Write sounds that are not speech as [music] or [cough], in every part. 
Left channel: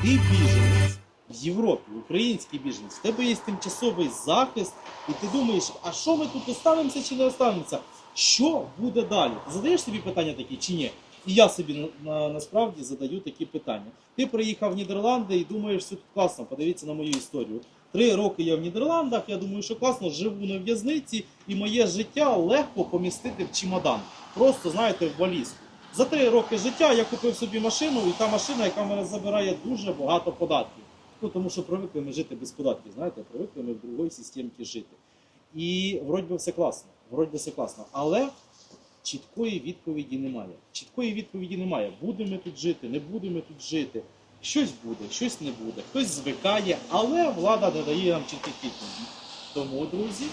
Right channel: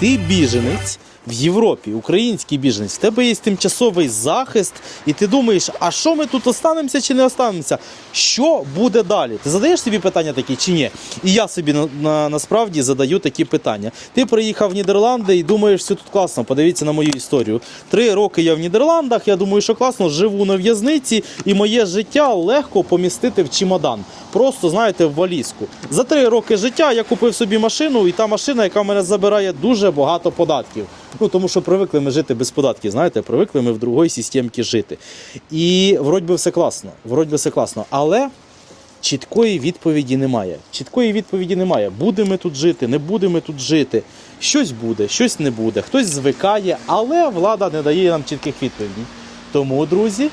ти біженець в Європі, український біженець, в тебе є тимчасовий захист, і ти думаєш, а що ми тут останемося чи не останемося? Що буде далі? Ти задаєш собі питання такі чи ні? І я собі на, на, насправді задаю такі питання. Ти приїхав в Нідерланди і думаєш, все тут класно. Подивіться на мою історію. Три роки я в Нідерландах. Я думаю, що класно, живу на в'язниці, і моє життя легко помістити в чемодан. Просто знаєте, в валізку. За три роки життя я купив собі машину, і та машина, яка в мене забирає дуже багато податків. Ну тому що привикли ми жити без податків. Знаєте, привикли ми в другій системці жити. І вроді би все класно. Вроді би все класно. Але чіткої відповіді немає. Чіткої відповіді немає. Будемо тут жити, не будемо тут жити. Щось буде, щось не буде. Хтось звикає, але влада не дає нам чітких відповідей. Тому, друзі,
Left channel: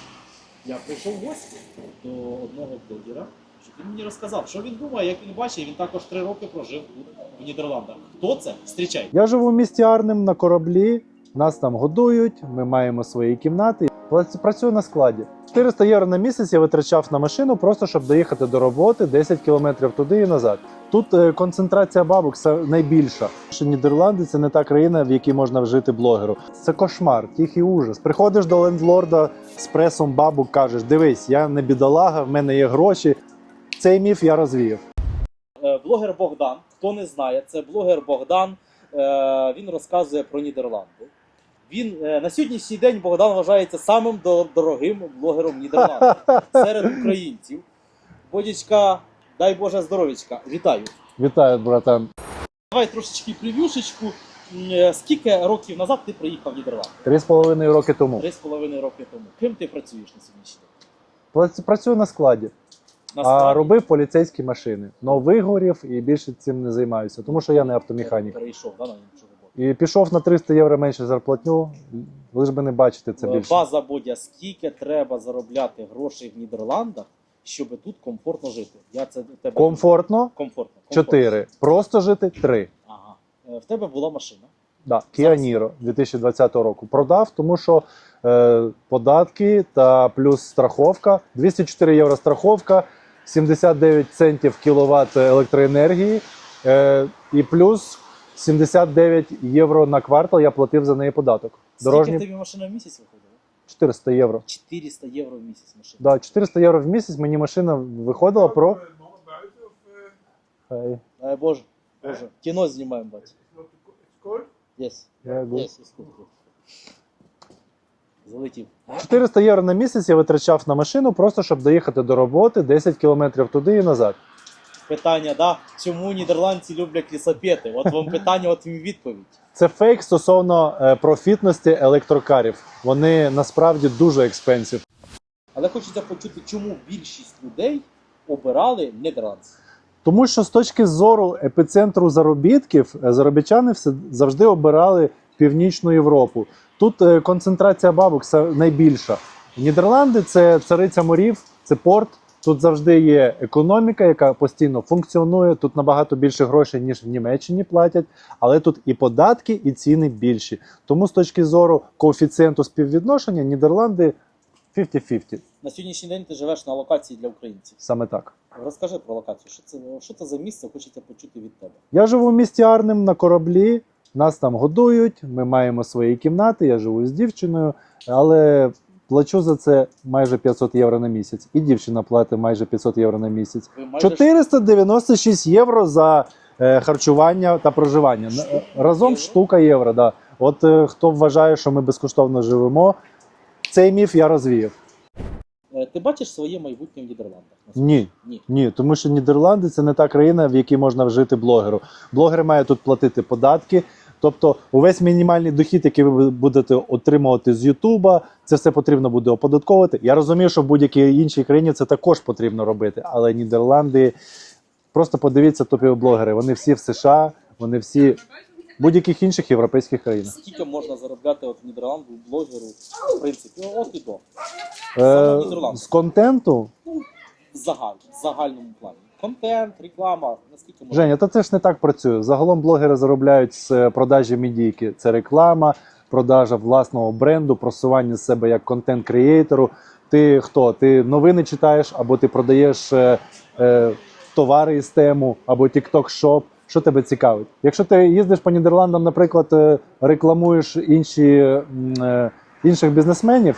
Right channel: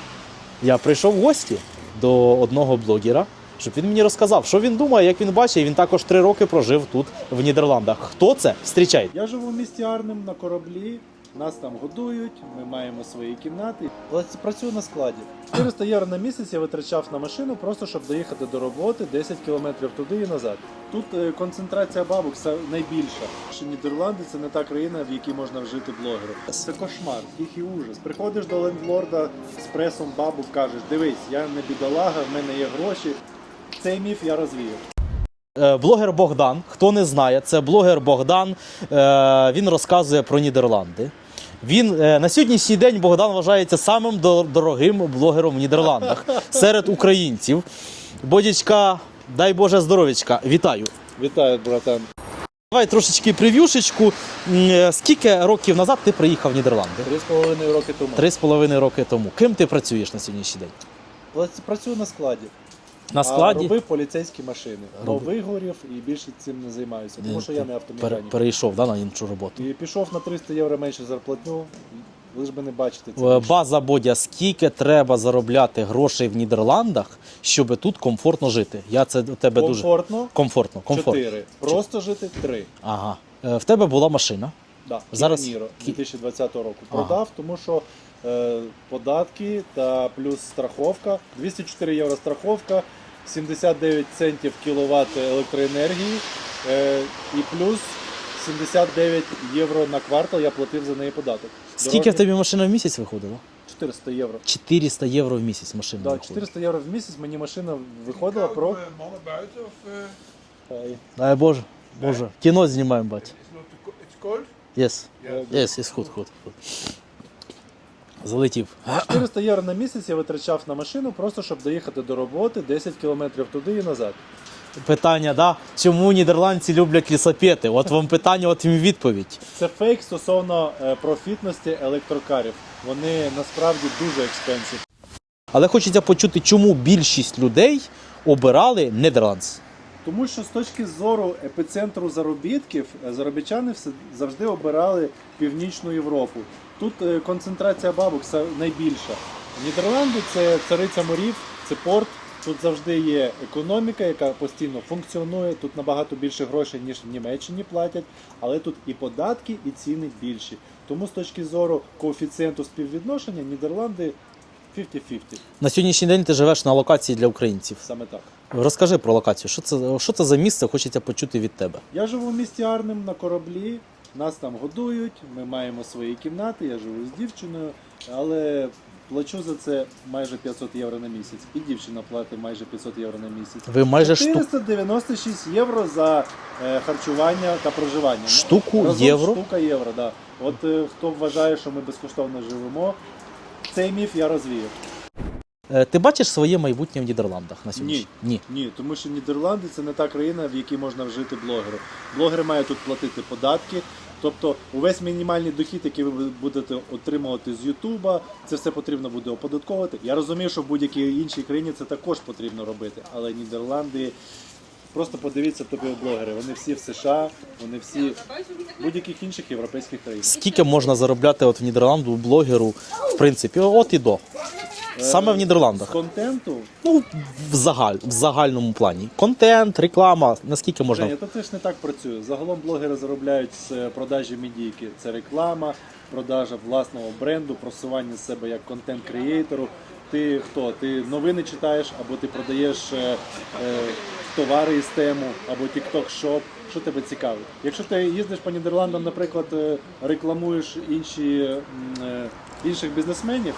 я прийшов в гості до одного блогера, щоб він мені розказав, що він думає, як він бачить. Він також три роки прожив тут, в Нідерландах. Хто це? Встрічайте. Я живу в місті Арнем на кораблі. Нас там годують, ми маємо свої кімнати. Прац- Працюю на складі. 400 євро на місяць я витрачав на машину, просто щоб доїхати до роботи 10 кілометрів туди і назад. Тут е, концентрація бабок найбільша. Що Нідерланди це не та країна, в якій можна вжити блогеру. Це кошмар, тихий ужас. Приходиш до лендлорда з пресом бабок, кажеш: дивись, я не бідолага, в мене є гроші. Цей міф я розвіяв. Е, Блогер Богдан, хто не знає, це блогер Богдан. Е, Він розказує про Нідерланди. Він е, на сьогоднішній день Богдан вважається самим дорогим блогером в Нідерландах [laughs] серед українців. Бодячка, дай Боже здоров'ячка, вітаю. Вітаю, братан. Давай трошечки прев'юшечку. Скільки років назад ти приїхав в Нідерланди? Три з половиною роки тому. Три з половиною роки тому. Ким ти працюєш на сьогоднішній день? Працюю на складі. На А складі робив поліцейські машини. Но Робив. вигорів і більше цим не займаюся, тому що я не автомеханік. перейшов да, на іншу роботу. І пішов на 300 євро менше зарплатню, лиш би не бачити це Е, більше. База Бодя, скільки треба заробляти грошей в Нідерландах, щоб тут комфортно жити? Я це у тебе дуже Комфортно комфортно. комфортно. 4. Просто жити 3. Ага. Е, В тебе була машина. Да. Зараз- Niro 2020 року. Продав, тому що податки та плюс страховка. 204 євро страховка, 79 центів кіловат електроенергії е, і плюс 79 євро на квартал я платив за неї податок. Скільки Дорожні- в тобі машина в місяць виходила? 400 євро. 400 євро в місяць машина. Да, 400 євро в місяць мені машина виходила про. Eh, Е, Дай Боже, Боже. Кіно знімаємо, бать. it's? Yes. е, Yes, yes, good, good, good. Залетів. 400 євро на місяць я витрачав на машину, просто щоб доїхати до роботи 10 кілометрів туди і назад. Питання, да? Чому нідерландці люблять лісопети? От вам питання, от їм відповідь. Це фейк стосовно е, профітності електрокарів. Вони насправді дуже експенсив. Але хочеться почути, чому більшість людей обирали Нідерландс. Тому що з точки зору епіцентру заробітків, е, заробітчани все завжди обирали Північну Європу. Тут е, концентрація бабок найбільша. Нідерланди це цариця морів, це порт. Тут завжди є економіка, яка постійно функціонує. Тут набагато більше грошей, ніж в Німеччині платять, але тут і податки, і ціни більші. Тому з точки зору коефіцієнту співвідношення Нідерланди 50-50. На сьогоднішній день ти живеш на локації для українців. Саме так. Розкажи про локацію. Що це, що це за місце? Хочеться почути від тебе. Я живу в місті Арнем на кораблі. Нас там годують. Ми маємо свої кімнати. Я живу з дівчиною, але плачу за це майже 500 євро на місяць. І дівчина платить майже 500 євро на місяць. Ви майже штук, 496 євро за е, харчування та проживання. Штуку Разом євро? штука євро. Да. От е, хто вважає, що ми безкоштовно живемо, цей міф я розвіяв. Е, Ти бачиш своє майбутнє в Нідерландах на сьогодні? Ні. Ні, тому що Нідерланди це не та країна, в якій можна вжити блогеру. Блогери мають тут платити податки. Тобто, увесь мінімальний дохід, який ви будете отримувати з Ютуба, це все потрібно буде оподатковувати. Я розумію, що в будь-якій іншій країні це також потрібно робити. Але Нідерланди просто подивіться топові блогери. Вони всі в США, вони всі будь-яких інших європейських країнах. Скільки можна заробляти от в Нідерланду блогеру, в принципі, от і до. Саме в Е, З контенту Ну, в, загаль, в загальному плані. Контент, реклама, наскільки можна. Женя, та це ж не так працює. Загалом блогери заробляють з е, продажі медійки. Це реклама, продажа власного бренду, просування себе як контент-креатору. Ти хто? Ти новини читаєш, або ти продаєш е, е, товари із тему, або TikTok Shop. Що тебе цікавить? Якщо ти їздиш по Нідерландам, наприклад, е, рекламуєш інші, е, інших бізнесменів,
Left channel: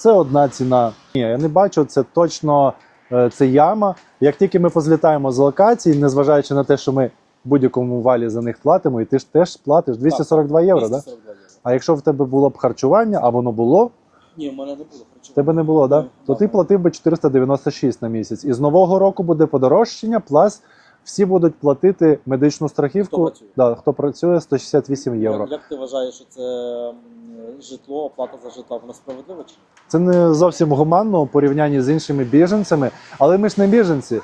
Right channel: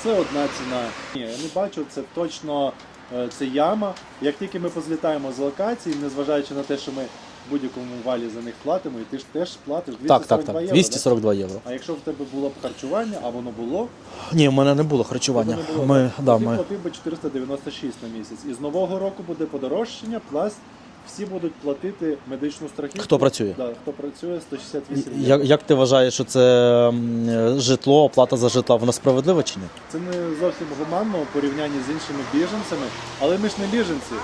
це одна ціна. Ні, я не бачу, це точно е, це яма. Як тільки ми позлітаємо з локації, незважаючи на те, що ми в будь-якому валі за них платимо, і ти ж теж платиш 242 євро. Да? 242 євро. А якщо в тебе було б харчування, а воно було, Ні, в мене не було харчування. тебе не було, Ми- да? да, то ти ми- платив би 496 на місяць. І з нового року буде подорожчання, плюс всі будуть платити медичну страхівку. Хто працює? Да, хто працює 168 євро. Як, як ти вважаєш, що це житло, оплата за житло, вона справедлива чи ні? Це не зовсім гуманно у порівнянні з іншими біженцями, але ми ж не біженці.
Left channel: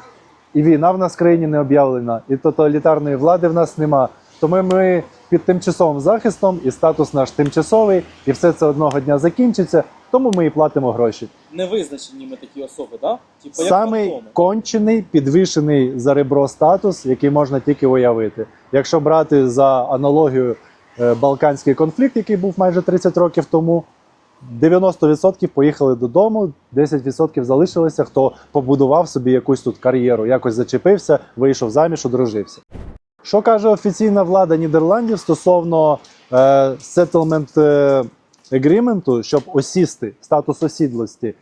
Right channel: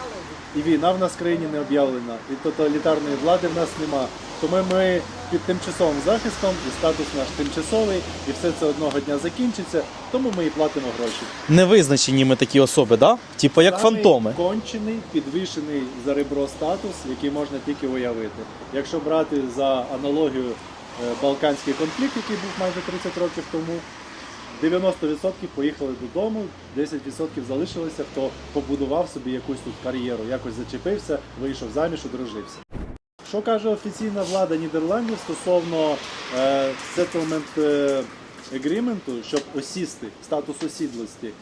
І війна в нас в країні не об'явлена, і тоталітарної влади в нас нема. Тому ми під тимчасовим захистом, і статус наш тимчасовий, і все це одного дня закінчиться. Тому ми і платимо гроші. Невизначені ми такі особи, да? Типу як Самий фантоми. кончений, підвішений за ребро статус, який можна тільки уявити. Якщо брати за аналогію е, Балканський конфлікт, який був майже 30 років тому, 90% поїхали додому, 10% залишилися, хто побудував собі якусь тут кар'єру, якось зачепився, вийшов заміж, одружився. Що каже офіційна влада Нідерландів стосовно е, settlement е, agreement, щоб осісти статус осідлості?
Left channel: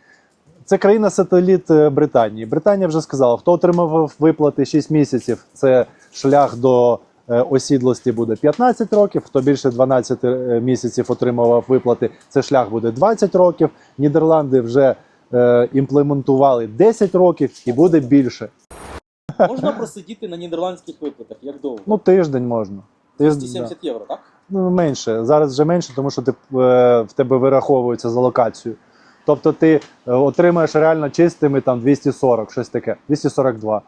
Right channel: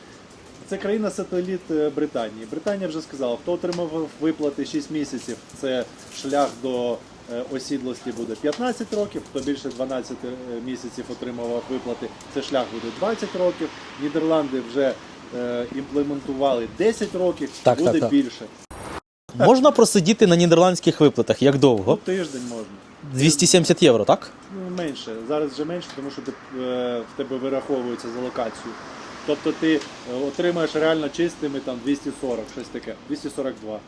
Це країна-сателіт е, Британії. Британія вже сказала, хто отримав виплати 6 місяців, це шлях до е, осідлості буде 15 років. Хто більше 12 е, місяців отримував виплати, це шлях буде 20 років. Нідерланди вже е, імплементували 10 років і Так, буде так, так. більше. Можна просидіти на нідерландських виплатах. Як Ну, довго? тиждень можна. 270 євро, так? Ну, менше. Зараз вже менше, тому що ти, е, в тебе вираховується за локацію. Тобто ти е, отримаєш реально чистими там 240, щось таке, 242.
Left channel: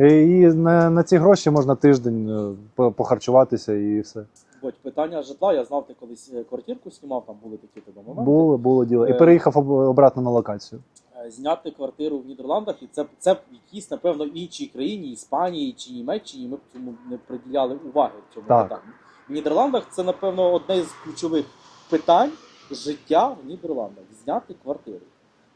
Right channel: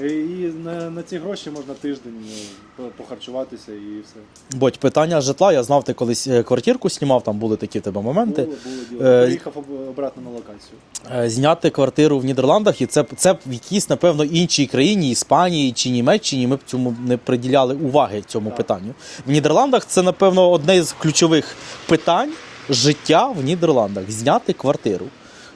Е, І на, на ці гроші можна тиждень е, похарчуватися і все. Бодь, питання житла. Я знав, ти колись е, квартирку знімав, там були такі в тебе моменти. Було, було діло. І переїхав обратно на локацію. Зняти квартиру в Нідерландах, і це, це в якійсь, напевно, іншій країні, Іспанії чи Німеччині, ми б цьому не приділяли уваги цьому Так. питанню. В Нідерландах це, напевно, одне з ключових питань життя в Нідерландах зняти квартиру.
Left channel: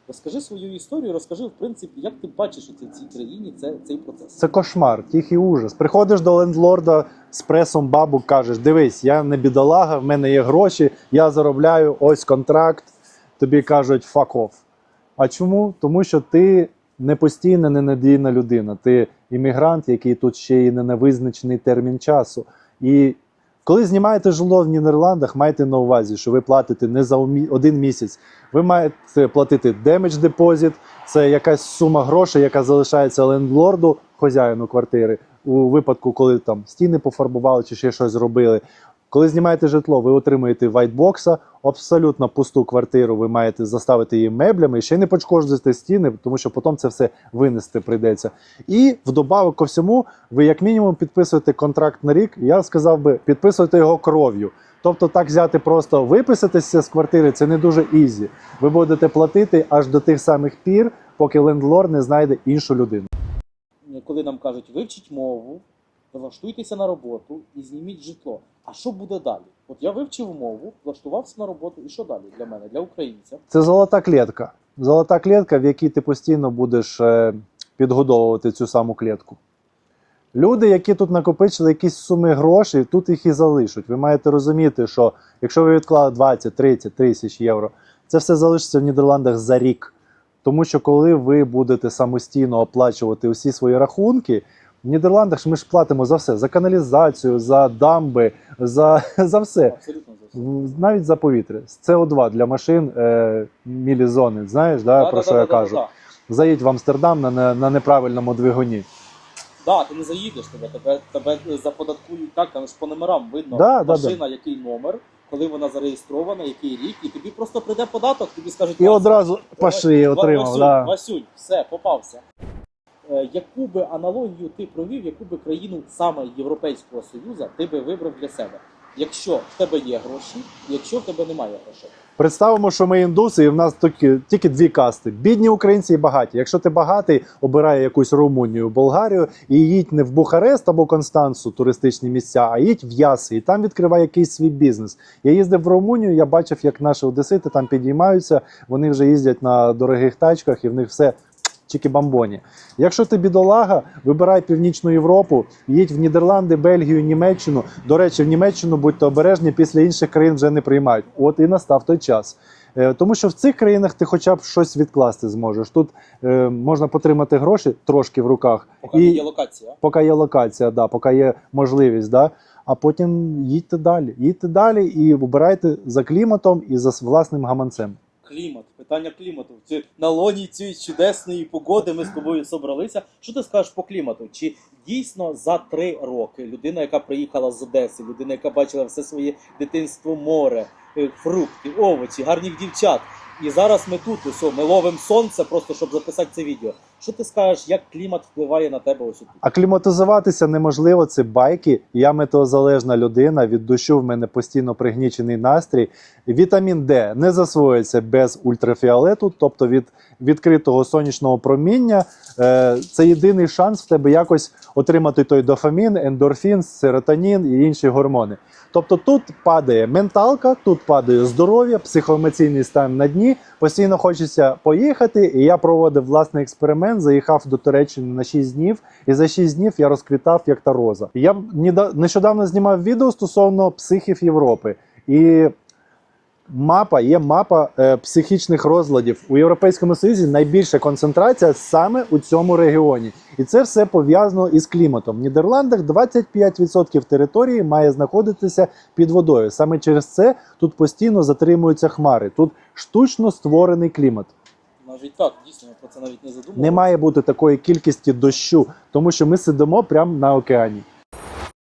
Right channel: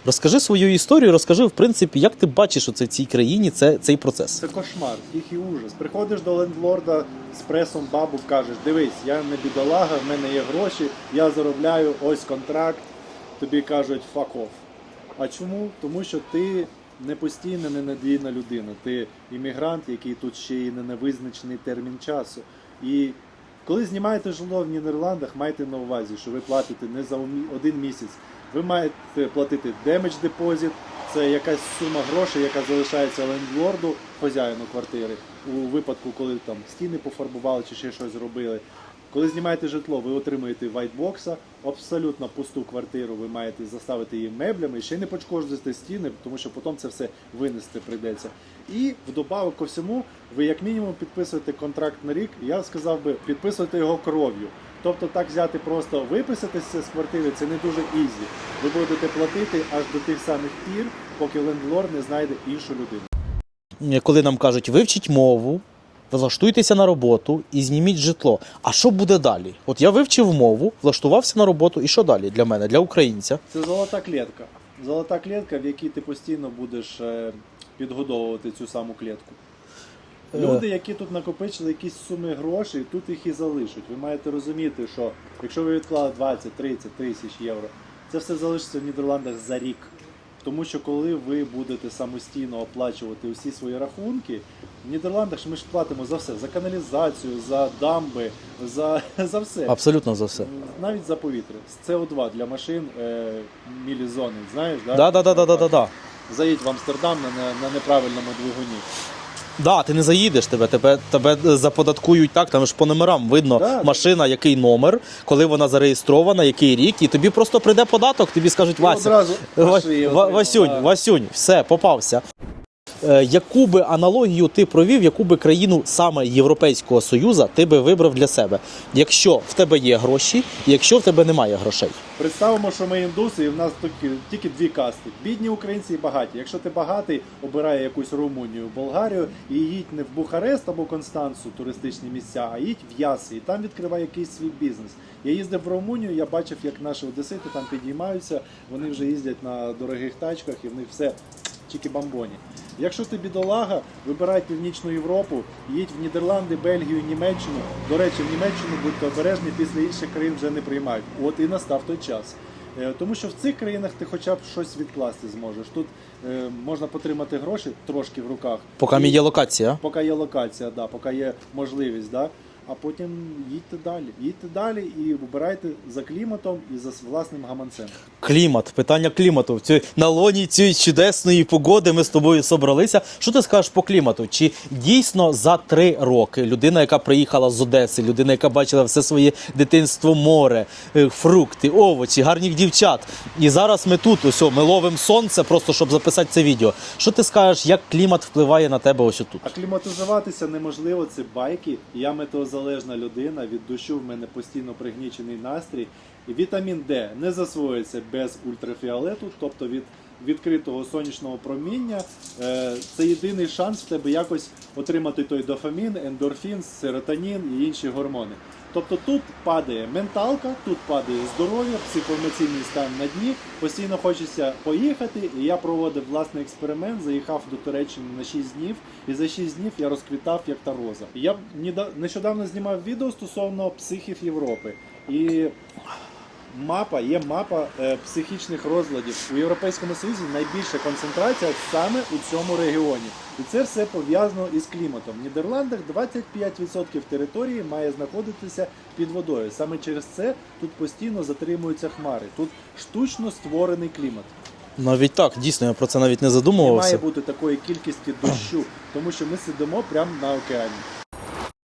Розкажи свою історію, розкажи, в принципі, як ти бачиш оце в цій країні це, цей процес. Це кошмар, тихий ужас. Приходиш до лендлорда з пресом бабу, кажеш: дивись, я не бідолага, в мене є гроші, я заробляю, ось контракт. Тобі кажуть fuck off. А чому? Тому що ти не постійна, ненадійна людина. Ти іммігрант, який тут ще й не на визначений термін часу. І коли знімаєте житло в Нідерландах, майте на увазі, що ви платите не за один місяць. Ви маєте платити демедж депозит, це якась сума грошей, яка залишається лендлорду, хазяїну квартири, у випадку, коли там стіни пофарбували чи ще щось зробили. Коли знімаєте житло, ви отримуєте вайтбокса, абсолютно пусту квартиру. Ви маєте заставити її меблями, ще не пошкоджуєте стіни, тому що потім це все винести прийдеться. І вдобавок ко всьому, ви як мінімум підписуєте контракт на рік. Я сказав би, підписуйте його кров'ю. Тобто так взяти просто виписатися з квартири це не дуже ізі. Ви будете платити аж до тих самих пір, поки лендлорд не знайде іншу людину. Коли нам кажуть, вивчіть мову, влаштуйтеся на роботу і зніміть житло. А що буде далі? От я вивчив мову, влаштувався на роботу, і що далі для мене, для українця? Це золота клітка. Золота клітка, в якій ти постійно будеш е, підгодовувати цю саму клітку. Люди, які тут накопичили якісь суми грошей, тут їх і залишать. Ви маєте розуміти, що якщо ви відклали 20, 30 тисяч євро, це все залишиться в Нідерландах за рік. Тому що коли ви будете самостійно оплачувати усі свої рахунки, в Нідерландах ж ми ж платимо за все: за каналізацію, за дамби, за, [laughs] за все. Абсолютно за все. Навіть за повітря. СО2 для машин е, мілізони. Знаєш, да, Да, про да, що да, я да, да, кажу? да. Заїдь в Амстердам на, на, неправильному двигуні. Да, ти не заїдеш тебе, тебе, тебе заподаткують так, там ж по номерам видно Да, да, машина, який номер, коли вона зареєстрована, який рік, і тобі просто прийде податок, тобі скажуть Вася, одразу пошли, Ва- отримав, Васюнь, да. Васюнь, все, попався. Е, яку би аналогію ти провів, яку би країну саме Європейського Союзу ти би вибрав для себе, якщо в тебе є гроші, якщо в тебе немає грошей? Представимо, що ми індуси, і в нас тільки, тільки дві касти: бідні українці і багаті. Якщо ти багатий, обирай якусь Румунію, Болгарію і їдь не в Бухарест або Констанцу, туристичні місця, а їдь в Яси і там відкривай якийсь свій бізнес. Я їздив в Румунію, я бачив, як наші одесити там підіймаються. Вони вже їздять на дорогих тачках, і в них все чики-бамбоні. Якщо ти бідолага, вибирай північну Європу, їдь в Нідерланди, Бельгію, Німеччину. До речі, в Німеччину будьте обережні, після інших країн вже не приймають. От і настав той час. Е, Тому що в цих країнах ти хоча б щось відкласти зможеш. Тут е, можна потримати гроші трошки в руках. Поки І- є локація. поки є локація, да, поки є можливість, да, а потім їдьте далі. Їдьте далі і обирайте за кліматом і за власним гаманцем. Клімат, питання клімату. В цій- на лоні цієї чудесної погоди ми з тобою собралися. Що ти скажеш по клімату? Чи дійсно за три роки людина, яка приїхала з Одеси, людина, яка бачила все своє дитинство, море, е, фрукти, овочі, гарних дівчат. І зараз ми тут, ось, о, ми ловимо сонце, просто щоб записати це відео. Що ти скажеш, як клімат впливає на тебе ось тут? Акліматизуватися неможливо, це байки. Я метеозалежна людина. Від дощу в мене постійно пригнічений настрій. Вітамін Д не засвоюється без ультрафіолету, тобто від відкритого сонячного проміння. Е, Це єдиний шанс в тебе якось отримати той дофамін, ендорфін, серотонін і інші гормони. Тобто тут падає менталка, тут падає здоров'я, психоемоційний стан на дні. Постійно хочеться поїхати. І я проводив власний експеримент, заїхав до Туреччини на 6 днів, і за 6 днів я розквітав як та роза. Я нещодавно знімав відео стосовно психів Європи. І мапа є мапа е, психічних розладів у Європейському Союзі. Найбільша концентрація саме у цьому регіоні. І це все пов'язано із кліматом. В Нідерландах 25% території має знаходитися під водою. Саме через це тут постійно затримуються хмари. Тут штучно створений клімат. Навіть так, дійсно, я про це навіть не задумувався. Не має бути такої кількості дощу, тому що ми сидимо прямо на океані.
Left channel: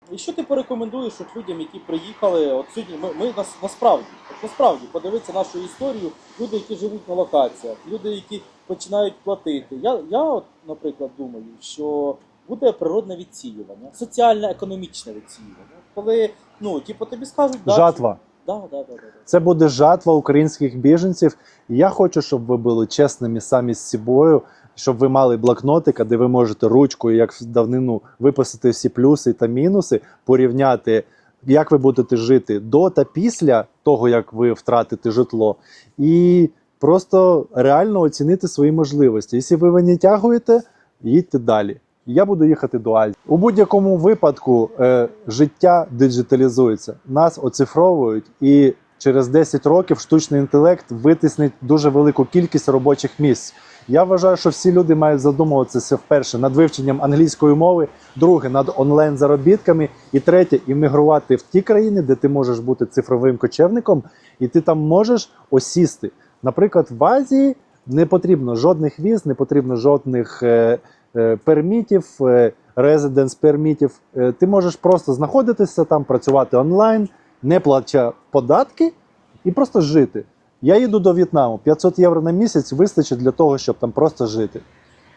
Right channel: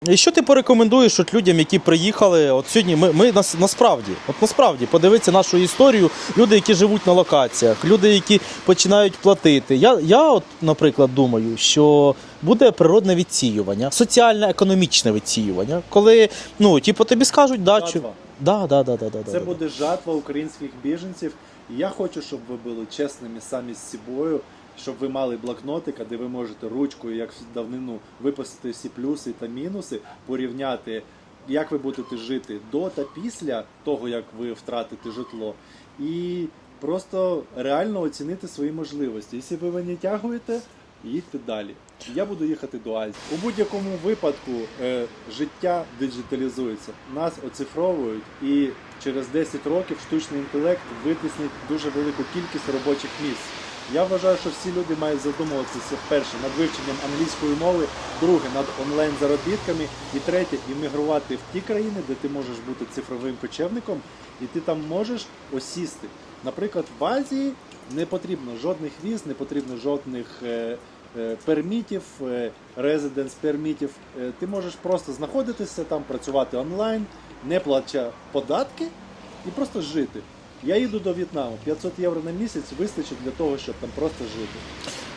І що ти порекомендуєш от людям, які приїхали? От сьогодні ми, ми нас, насправді, от насправді, подивитися нашу історію, люди, які живуть на локаціях, люди, які починають платити. Я, я от, наприклад, думаю, що буде природне відсіювання, соціально-економічне відсіювання, коли ну, типу, тобі скажуть, да, Жатва. Чи... Да, да, да, да, да, Це да. буде жатва українських біженців. І я хочу, щоб ви були чесними самі з собою, щоб ви мали блокнотика, де ви можете ручкою, як в давнину, виписати всі плюси та мінуси, порівняти, як ви будете жити до та після того, як ви втратите житло, і просто реально оцінити свої можливості. Якщо ви ви не тягуєте, їдьте далі. Я буду їхати до Азії. У будь-якому випадку е, життя диджиталізується. Нас оцифровують, і через 10 років штучний інтелект витиснить дуже велику кількість робочих місць. Я вважаю, що всі люди мають задумуватися вперше над вивченням англійської мови, друге над онлайн заробітками, і третє іммігрувати в ті країни, де ти можеш бути цифровим кочевником, і ти там можеш осісти. Наприклад, в Азії не потрібно жодних віз, не потрібно жодних е, е, пермітів, резиденс пермітів. Е, Ти можеш просто знаходитися там, працювати онлайн, не платячи податки і просто жити. Я їду до В'єтнаму. 500 євро на місяць вистачить для того, щоб там просто жити.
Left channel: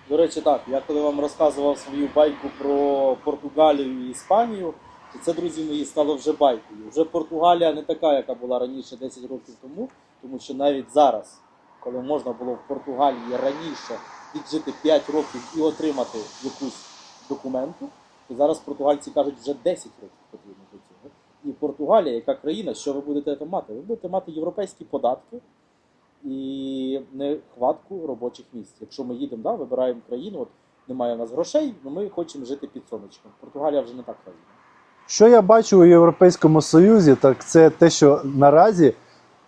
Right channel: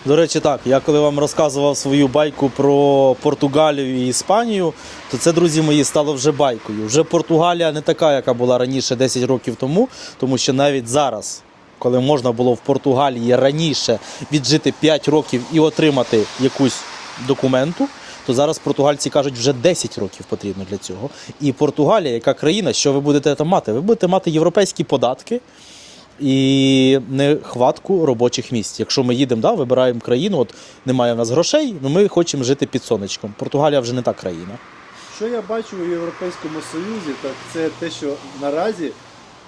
До речі, так, я коли вам розказував свою байку про Португалію і Іспанію, то це, друзі мої, стало вже байкою. Вже Португалія не така, яка була раніше 10 років тому, тому що навіть зараз, коли можна було в Португалії раніше віджити 5 років і отримати якусь документу, то зараз португальці кажуть, вже 10 років потрібно для цього. І Португалія, яка країна, що ви будете там мати? Ви будете мати європейські податки і нехватку робочих місць. Якщо ми їдемо, да, вибираємо країну, от немає в нас грошей, ну ми хочемо жити під сонечком. Португалія вже не та країна. Що я бачу у Європейському Союзі, так це те, що наразі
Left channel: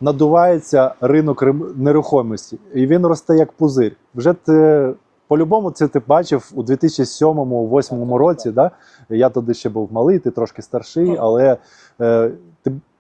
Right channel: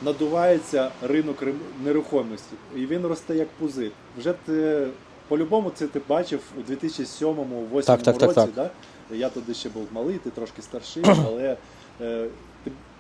надувається ринок нерухомості, і він росте як пузир. Вже ти по-любому це ти бачив у 2007-2008 Так, так, так, році. так. Да? Я тоді ще був малий, ти трошки старший, але е,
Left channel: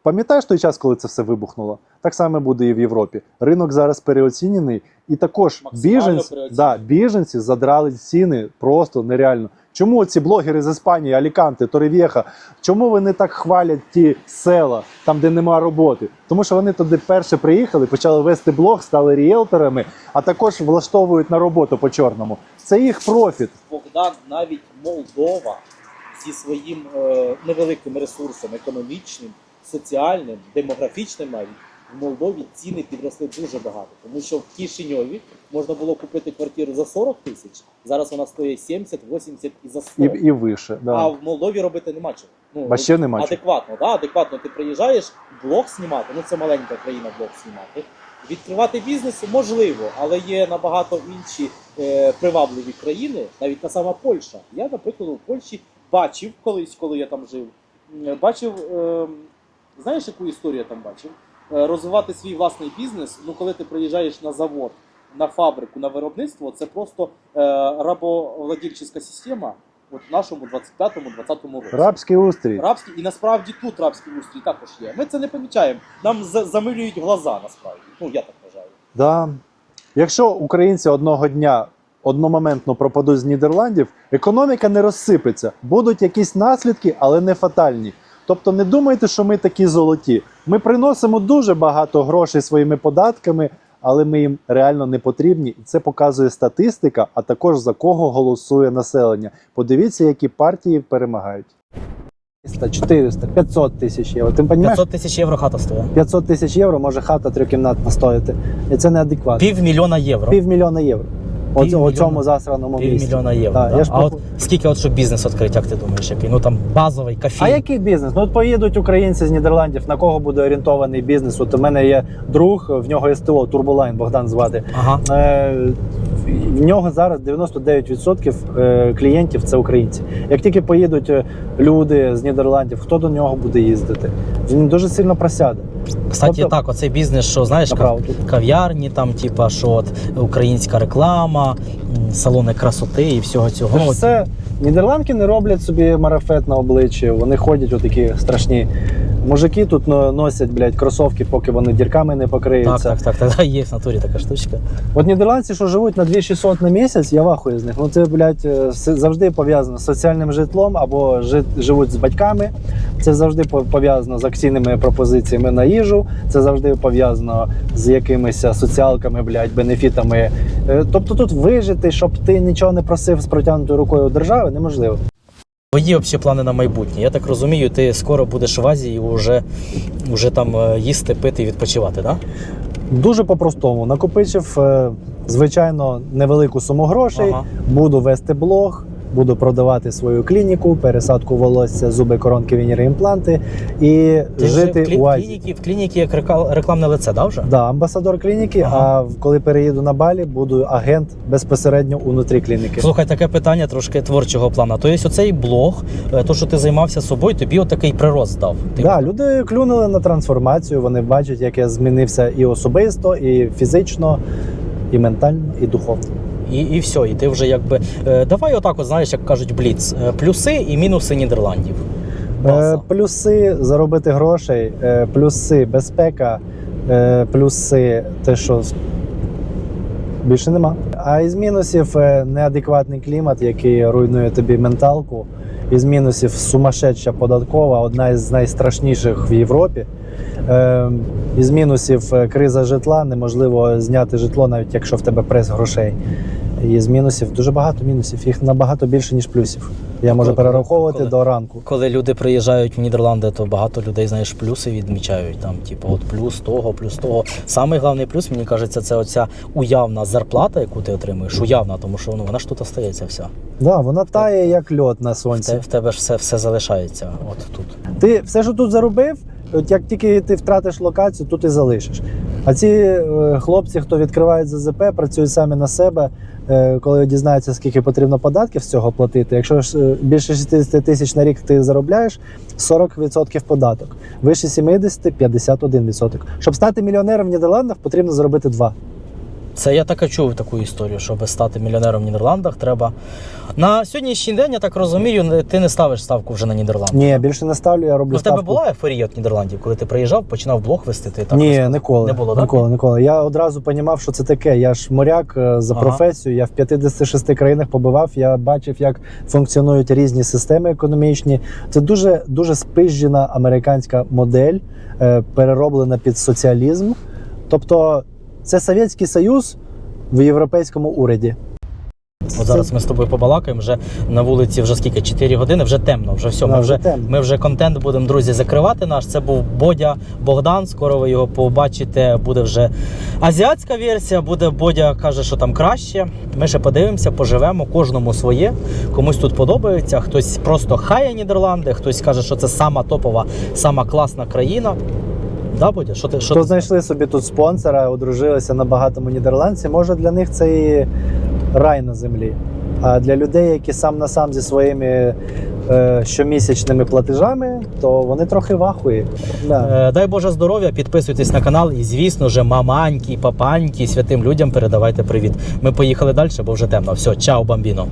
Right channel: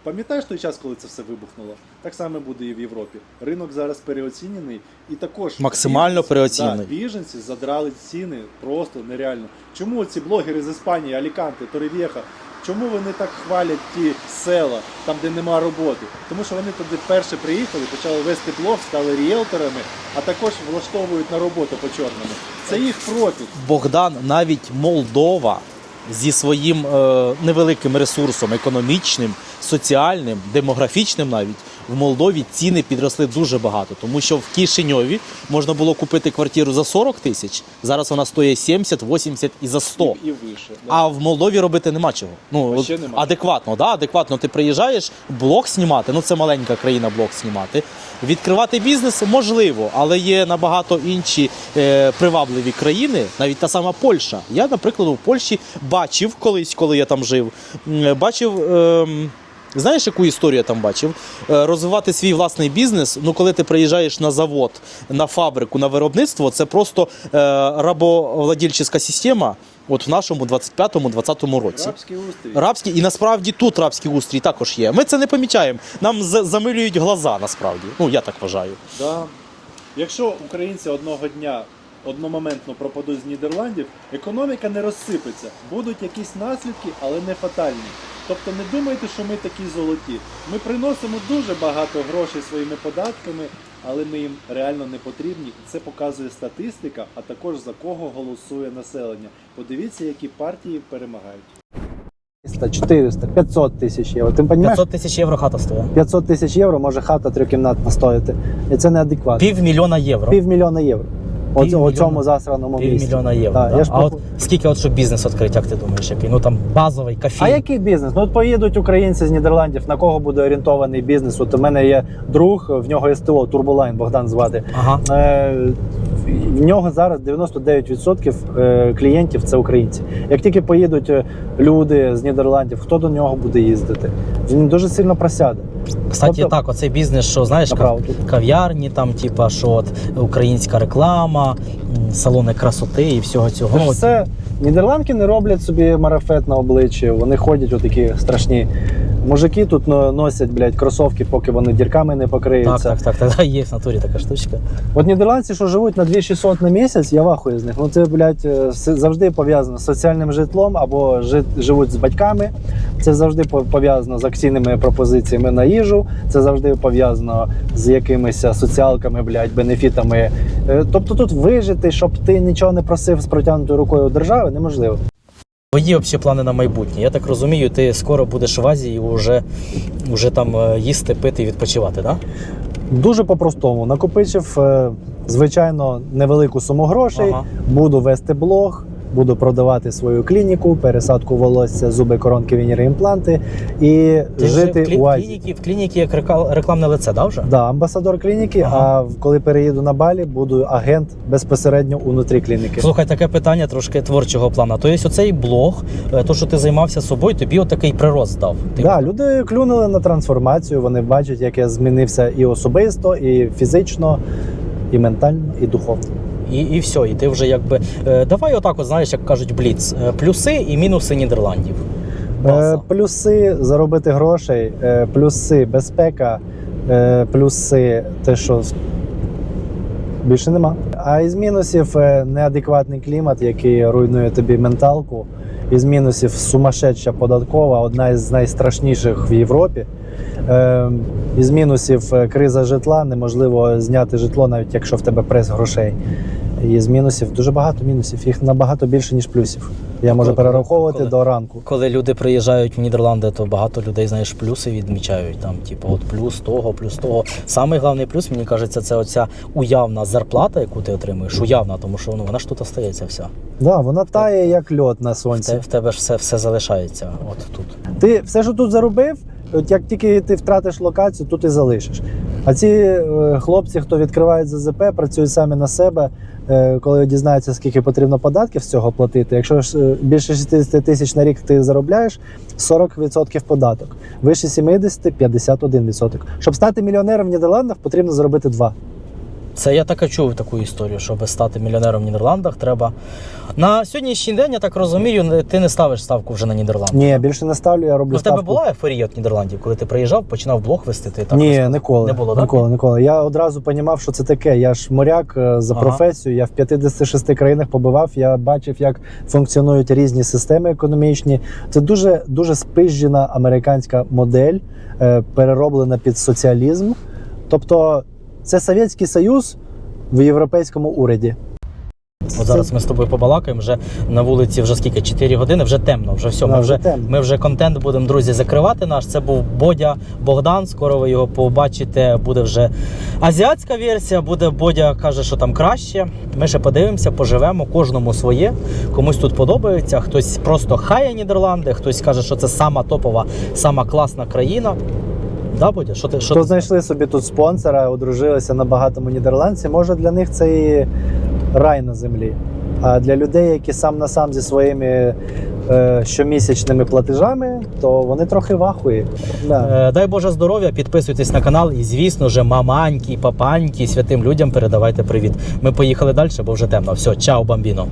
пам'ятаєш той час, коли це все вибухнуло? Так само буде і в Європі. Ринок зараз переоцінений, і також Максимально біженці- переоцінений. Да, біженці задрали ціни просто нереально. Чому ці блогери з Іспанії, Аліканте, Торевєха, чому вони так хвалять ті села, там, де нема роботи? Тому що вони туди перше приїхали, почали вести блог, стали ріелторами, а також влаштовують на роботу по чорному. Це їх профіт. Богдан, навіть Молдова зі своїм е, невеликим ресурсом економічним, соціальним, демографічним навіть в Молдові ціни підросли дуже багато, тому що в Кишиньові можна було купити квартиру за 40 тисяч, зараз вона стоїть 70, 80 і за 100. І, і вище. Да. А в Молдові робити нема чого. Ну Вообще от нема чого. адекватно, да, адекватно. Ти приїжджаєш, блог знімати. Ну це маленька країна, блог знімати. Відкривати бізнес можливо, але є набагато інші е, привабливі країни, навіть та сама Польща. Я, наприклад, у Польщі бачив колись, коли я там жив, бачив. ем, Знаєш, яку історію я там бачив? Е, Розвивати свій власний бізнес. Ну, коли ти приїжджаєш на завод, на фабрику, на виробництво, це просто е, рабовладільчиська система. От в нашому 25-20 році. Рабський устрій. Рабський, і насправді тут рабський устрій також є. Ми це не помічаємо. Нам замилюють глаза, насправді. Ну, я так вважаю. Да. Якщо українці одного дня одномоментно пропадуть з Нідерландів, економіка не розсипеться. Будуть якісь наслідки, але не фатальні. Тобто не думайте, що ми такі золоті. Ми приносимо дуже багато грошей своїми податками, але ми їм реально не потрібні. Це показує статистика, а також за кого голосує населення. Подивіться, які партії перемагають. 300, 400, 500 тисяч євро. Ти розумієш? 500 тисяч євро хата стоїть. 500 тисяч євро може хата трьохкімнатна стоїти. І це неадекватно. Півмільйона євро. Півмільйона євро. О, Півмільйона. у цьому засраному місці. мільйона євро. Так, да. я ж А поху- от скільки, от щоб бізнес відкрити, як ти думаєш, який? Ну там базовий кафе. А який бізнес? Ну от поїдуть українці з Нідерландів, на кого буде орієнтований бізнес? От у мене є друг, в нього СТО, Турболайн Богдан звати. Ага. Е, в нього зараз 99% е, клієнтів це українці. Як тільки поїдуть е, люди з Нідерландів, хто до нього буде їздити? Він дуже сильно просяде. Кстати, Тобто- так, оцей бізнес, що знаєш, кав- кав'ярні, там, типа, що от українська реклама, салони красоти і всього цього. Це все нідерландки не роблять собі марафет на обличчі. Вони ходять отакі страшні. Мужики тут но- носять, блядь, кросовки, поки вони дірками не покриються. так, так, так, [laughs] є в натурі така штучка. От нідерландці, що живуть на 2600 на місяць, я вахую з них. Ну це, блядь, е, завжди пов'язано з соціальним житлом або жи- живуть з батьками. Це завжди по- пов'язано з акційними пропозиціями на їжу. Це завжди пов'язано з якимись соціалками, блядь, бенефітами. Е, Тобто тут вижити, щоб ти нічого не просив з протягнутою рукою держави, неможливо. Твої взагалі плани на майбутнє. Я так розумію, ти скоро будеш в Азії вже, вже там е, їсти, пити і відпочивати, так? Дуже по-простому. Накопичив, е, звичайно, невелику суму грошей. Ага. Буду вести блог, буду продавати свою клініку, пересадку волосся, зуби, коронки, вініри, імпланти і Ти жити вже в, клі- у Азії. клініці, в клініці як рекламне лице, да, вже? Да, амбасадор клініки. Ага. А в- коли переїду на Балі, буду агент безпосередньо унутрі клініки. Слухай, таке питання трошки творчого плану. Тобто оцей блог, е, то, що ти займався собою, тобі отакий прирост дав. Ти Да, люди клюнули на трансформацію. Вони бачать, як я змінився і особисто, і фізично, і ментально, і духовно. І, і все, і ти вже якби. Е, давай отак, от, знаєш, як кажуть, бліц. Е, плюси і мінуси Нідерландів. Е, База. плюси заробити грошей, е, плюси безпека, е, плюси те, що більше нема. А із мінусів е, неадекватний клімат, який руйнує тобі менталку. Із мінусів сумасшедша податкова, одна із найстрашніших в Європі. Е, із мінусів е, криза житла, неможливо зняти житло, навіть якщо в тебе прес грошей. І з мінусів дуже багато мінусів. Їх набагато більше, ніж плюсів. Я можу Коли- перераховувати коли- до ранку. Коли люди приїжджають в Нідерланди, то багато людей, знаєш, плюси відмічають. Там, типу, от плюс того, плюс того. Самий головний плюс, мені кажеться, це оця уявна зарплата, яку ти отримуєш. Уявна, тому що ну, вона ж тут остається вся. Да, вона тає як льод на В, те, в тебе ж все, все залишається. От тут. Ти все, що тут заробив, от як тільки ти втратиш локацію, тут і залишиш. А ці е, хлопці, хто відкривають ЗЗП, працюють самі на себе. Е, коли дізнаються, скільки потрібно податків з цього платити. Якщо ж е, більше 60 тисяч на рік ти заробляєш, 40% податок. Вище 70 – 51%. Щоб стати мільйонером в Нідерландах, потрібно заробити 2. Це я так і чув таку історію, щоб стати мільйонером в Нідерландах, треба. На сьогоднішній день, я так розумію, ти не ставиш ставку вже на Нідерланди. Ні, більше не ставлю, я роблю Ну, в тебе була ефорія від Нідерландів, коли ти приїжджав, починав блог вести, ти так Ні, ніколи. Не було, так? ніколи, ніколи. Я одразу розумів, що це таке. Я ж моряк е, за Ага. професією. Я в 56 країнах побував. Я бачив, як функціонують різні системи економічні. Це дуже дуже спижжена американська модель, е, перероблена під соціалізм. Тобто, це Совєтський Союз в європейському уряді. От зараз ми з тобою побалакаємо. Вже на вулиці вже скільки? 4 години, вже темно, вже все. Да, Ми вже вже, темно. ми вже контент будемо, друзі, закривати наш. Це був Бодя Богдан. Скоро ви його побачите. Буде вже азіатська версія, буде Бодя каже, що там краще. Ми ще подивимося, поживемо, кожному своє. Комусь тут подобається, хтось просто хає Нідерланди, хтось каже, що це сама топова, сама класна країна. Да, Бодя? Що ти що Хто ти знайшли собі тут спонсора, одружилися на багатому нідерландці, може для них це і рай на землі. А для людей, які сам на сам зі своїми е, щомісячними платежами, то вони трохи вахують. Да. Е, Дай Боже здоров'я, підписуйтесь на канал і, звісно ж, маманьки, папаньки, святим людям передавайте привіт. Ми поїхали далі, бо вже темно. Все, чао, бамбіно.